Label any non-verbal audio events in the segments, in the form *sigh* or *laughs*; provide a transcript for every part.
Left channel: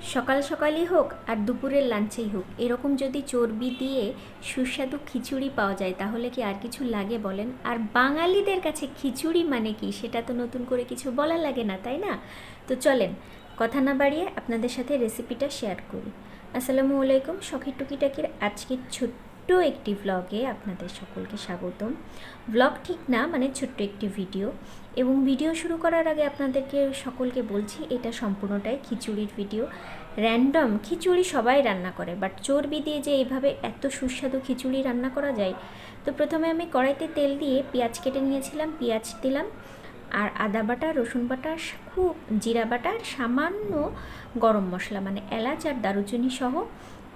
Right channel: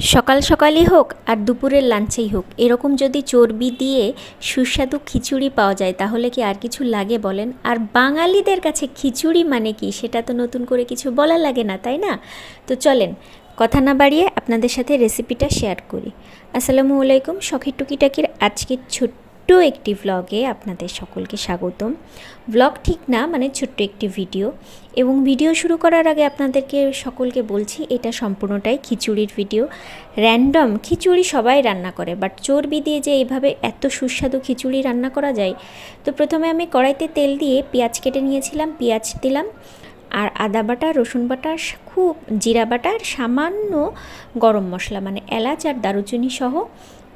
সকাল সকালই হোক আর দুপুরের লাঞ্চেই হোক, এরকম যদি চর্বি দিয়ে সুস্বাদু খিচুড়ি পাওয়া যায়, তাহলে কি আর কিছু লাগে বলেন? আর বাঙালিদের কাছে খিচুড়ি মানে কি? সেটা তো নতুন করে কিছু বলা লাগে না, তাই না? তো চলেন, কথা না বাড়িয়ে আপনাদের সাথে রেসিপিটা শেয়ার করি। আসসালামু আলাইকুম, শখের টুকিটাকির আজকের ছোট্ট একটি ভ্লগে আপনাদের সকলকে স্বাগতম। ভ্লগ ঠিক না মানে ছোট্ট একটি ভিডিও এবং ভিডিও শুরু করার আগে আপনাদেরকে সকলকে বলছি, এটা সম্পূর্ণটাই খিচুড়ির ভিডিও র্যান্ডম খিচুড়ি সবাই রান্না করে বাট চর্বি দিয়ে যে এইভাবে এত সুস্বাদু খিচুড়ি রান্না করা যায়, তো প্রথমে আমি কড়াইতে তেল দিয়ে পেঁয়াজ কেটে নিয়েছিলাম, পেঁয়াজ দিলাম। আর আদা বাটা, রসুন বাটা খুব জিরা বাটা সামান্য গরম মশলা মানে এলাচ আর দারুচিনি সহ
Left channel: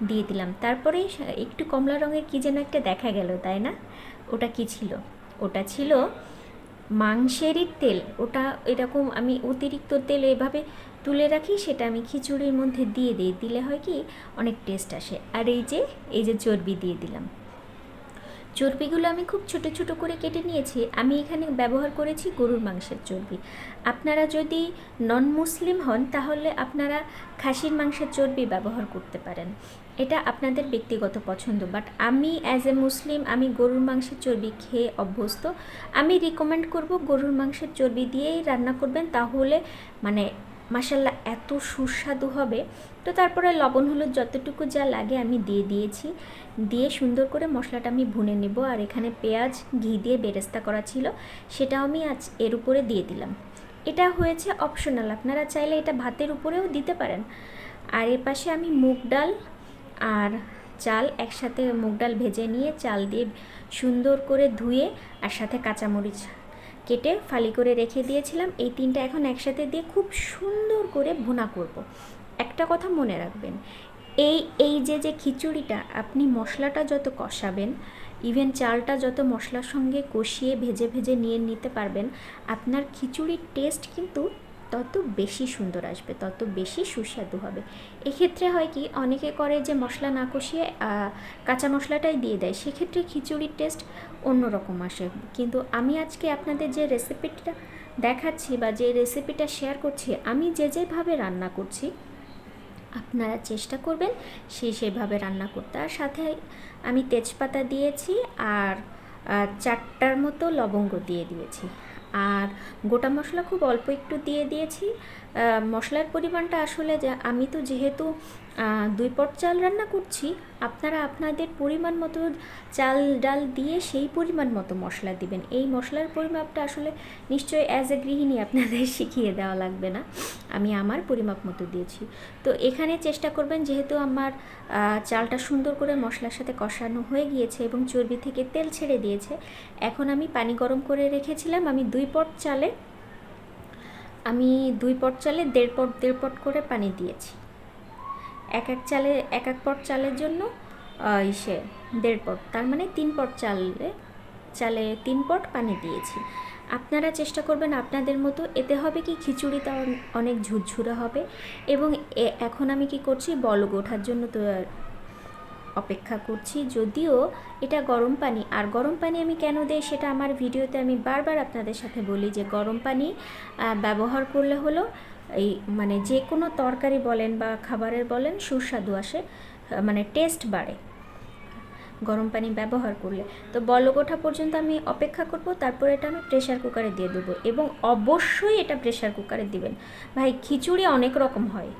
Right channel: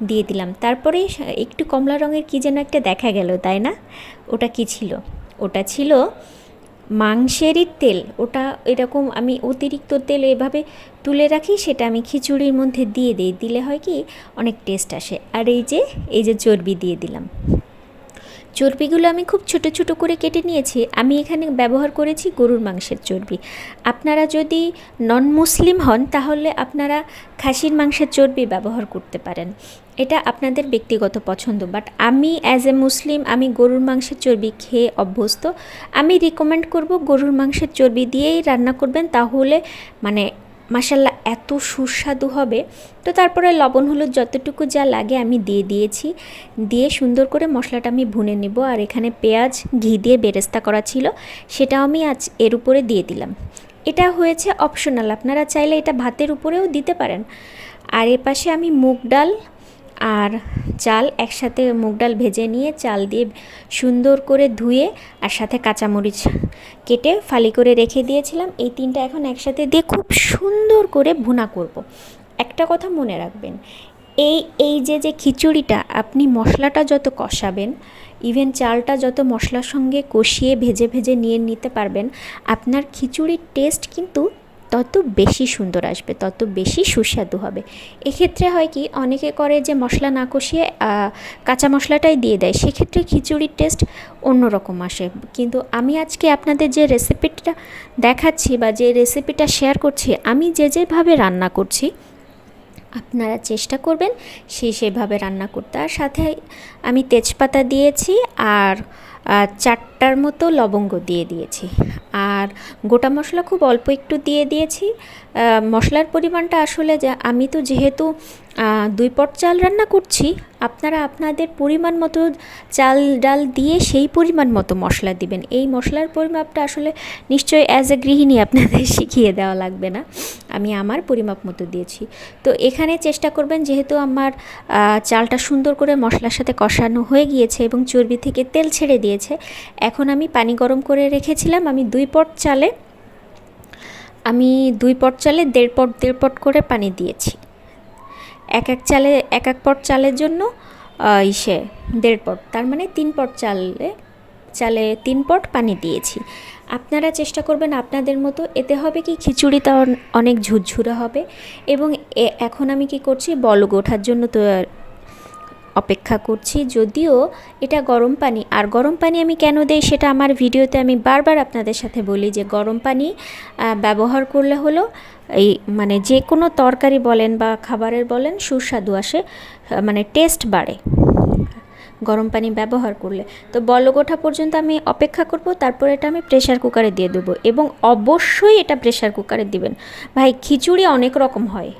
দিয়ে দিলাম। তারপরে একটু কমলা রঙের কী যেন একটা দেখা গেল, তাই না? ওটা কি ছিল? ওটা ছিল মাংসেরই তেল। ওটা এরকম আমি অতিরিক্ত তেল এভাবে তুলে রাখি, সেটা আমি খিচুড়ির মধ্যে দিয়ে দিই। দিলে হয় কি, অনেক টেস্ট আসে। আর এই যে এই যে চর্বি দিয়ে দিলাম। চর্বিগুলো আমি খুব ছোট ছোট করে কেটে নিয়েছি, আমি এখানে ব্যবহার করেছি গরুর মাংসের চর্বি। আপনারা যদি নন মুসলিম হন, তাহলে আপনারা খাসির মাংসের চর্বি ব্যবহার করতে পারেন। এটা আপনাদের ব্যক্তিগত পছন্দ বাট আমি অ্যাজ এ মুসলিম আমি গরুর মাংসের চর্বি খেয়ে অভ্যস্ত। আমি রিকমেন্ড করব গরুর মাংসের চর্বি দিয়েই রান্না করবেন, তাহলে মানে মাসাল্লাহ এত সুস্বাদু হবে। তো তারপরে লবণ, হলুদ যতটুকু যা লাগে আমি দিয়ে দিয়েছি। দিয়ে সুন্দর করে মশলাটা আমি ভুনে নেব আর এখানে পেঁয়াজ, ঘি দিয়ে বেরেস্তা করা ছিল, সেটাও আমি আজ এর উপরে দিয়ে দিলাম। এটা হয়েছে অপশনাল আপনারা চাইলে এটা ভাতের উপরেও দিতে পারেন। আর এ পাশে আমি মুগ ডাল আর চাল একসাথে মুগ ডাল ভেজে নিয়ে চাল দিয়ে সুন্দর করে ধুয়ে আর সাথে কাঁচামরিচ কেটে ফালি করে রেখে দিয়েছিলাম এই তিনটা এখন একসাথে দিয়ে খুব সুন্দর করে ভুনা করব। একটা কথা মনে রাখবেন, এই এই যে যে খিচুড়িটা আপনি মশলাটা যত কষাবেন ইভেন চালটা যত মশলার সঙ্গে কষিয়ে ভেজে ভেজে নিয়ে নিতে পারবেন, আপনার খিচুড়ির টেস্ট কিন্তু তত বেশি সুন্দর আসবে, তত বেশি সুস্বাদু হবে। এক্ষেত্রে হয় কি, অনেকে করে যে মশলা না কষিয়ে কাঁচা মশলাটাই দিয়ে দেয়, সেক্ষেত্রে খিচুড়ির টেস্ট অন্যরকম আসে। কিন্তু আমি আজকে আপনাদের যে রেসিপিটা দেখাচ্ছি বা যে রেসিপিটা শেয়ার করছি, আমি যে যেভাবে রান্না করছি, আপনারা চেষ্টা করবেন সেই সেভাবে রান্না করতে। আর সাথে আমি তেজপাতা দিয়েছি, আর চারটার মতো লবঙ্গ দিয়ে দিয়েছি। আর গোটা মশলা খুব অল্প একটু দিয়ে দিয়েছি। মশলার পরিমাণটা আসলে যে আমি তো যেহেতু দুই পট চাল রান্না করছি, আপনারা আপনাদের পরিমাণ মতো চাল ডাল দিয়ে সেই পরিমাণ মতো মশলা দিবেন। এই মশলার পরিমাপটা আসলে নিশ্চয়ই অ্যাজ এ গৃহিণী আপনাদের *laughs* শিখিয়ে দেওয়া লাগবে না। আমি আমার পরিমাপ মতো দিয়েছি। তো এখানে চেষ্টা করবেন যেহেতু আমার চালটা সুন্দর করে মশলার সাথে কষানো হয়ে গিয়েছে এবং চর্বি থেকে তেল ছেড়ে দিয়েছে, এখন আমি পানি গরম করে রেখেছিলাম। আমি দুই পট চালে আমি দুই পট চালে দেড় পট দেড় পট করে পানি দিয়েছি। এক এক চালে, এক এক পট চালের জন্য ইসে, দেড় পট, তার মানে তিন পট চালে চালে তিন পট পানি দিয়েছি। আপনারা চেষ্টা করবেন আপনাদের মতো, এতে হবে কি খিচুড়িটা অনেক ঝুরঝুরে হবে এবং এখন আমি কি করছি বলগ ওঠার জন্য তো অপেক্ষা করছি। যদিও এটা গরম পানি। আর গরম পানি আমি কেন দেই সেটা আমার ভিডিওতে আমি বারবার আপনাদের সাথে বলি যে গরম পানি ব্যবহার করলে হলো এই মানে যে কোনো তরকারি বলেন বা খাবারের বলেন সুস্বাদু আসে মানে টেস্ট বাড়ে গরম পানি ব্যবহার করলে। তো বলক ওঠা পর্যন্ত আমি অপেক্ষা করব, তারপর এটা আমি প্রেশার কুকারে দিয়ে দেবো এবং অবশ্যই এটা প্রেশার কুকারে দিবেন। ভাই, খিচুড়ি অনেক রকম হয়,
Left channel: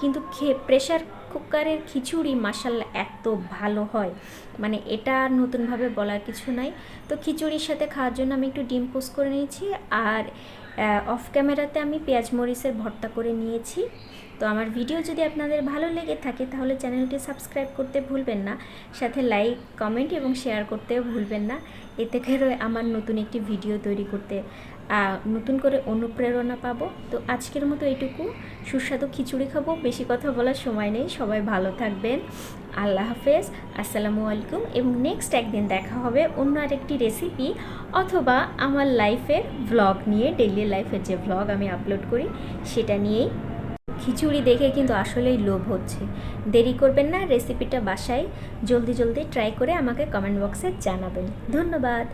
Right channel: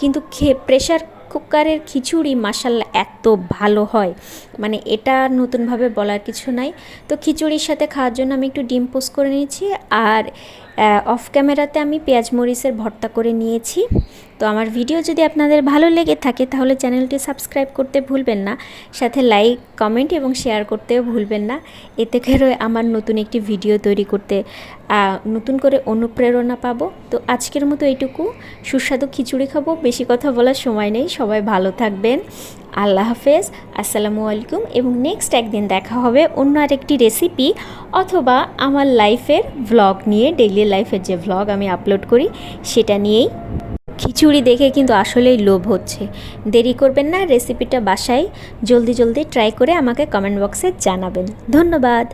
কিন্তু খে প্রেশার কুকারের খিচুড়ি মাসাল্লা এত ভালো হয়। মানে এটা নতুনভাবে বলার কিছু নাই। তো খিচুড়ির সাথে খাওয়ার জন্য আমি একটু ডিম পোস্ট করে নিয়েছি আর অফ ক্যামেরাতে আমি পেঁয়াজ মরিচের ভর্তা করে নিয়েছি। তো আমার ভিডিও যদি আপনাদের ভালো লেগে থাকে তাহলে চ্যানেলটি সাবস্ক্রাইব করতে ভুলবেন না। সাথে লাইক, কমেন্ট এবং শেয়ার করতেও ভুলবেন না। এতে করে আমার নতুন একটি ভিডিও তৈরি করতে নতুন করে অনুপ্রেরণা পাবো। তো আজকের মতো এইটুকু। সুস্বাদু খিচুড়ি খাব। বেশি কথা বলার সময় নেই। সবাই ভালো থাকবেন। আল্লাহ হাফেজ। আসসালামু আলাইকুম এবং নেক্সট একদিন দেখা হবে অন্য আরেকটি রেসিপি অথবা আমার লাইফের ভ্লগ নিয়ে ডেইলি লাইফের যে ভ্লগ আমি আপলোড করি, সেটা নিয়েই। খিচুড়ি দেখে কিন্তু আসলেই লোভ হচ্ছে। দেরি করবেন না রেসিপিটা বাসায়। জলদি জলদি ট্রাই করে আমাকে কমেন্ট বক্সে জানাবেন। ধন্যবাদ।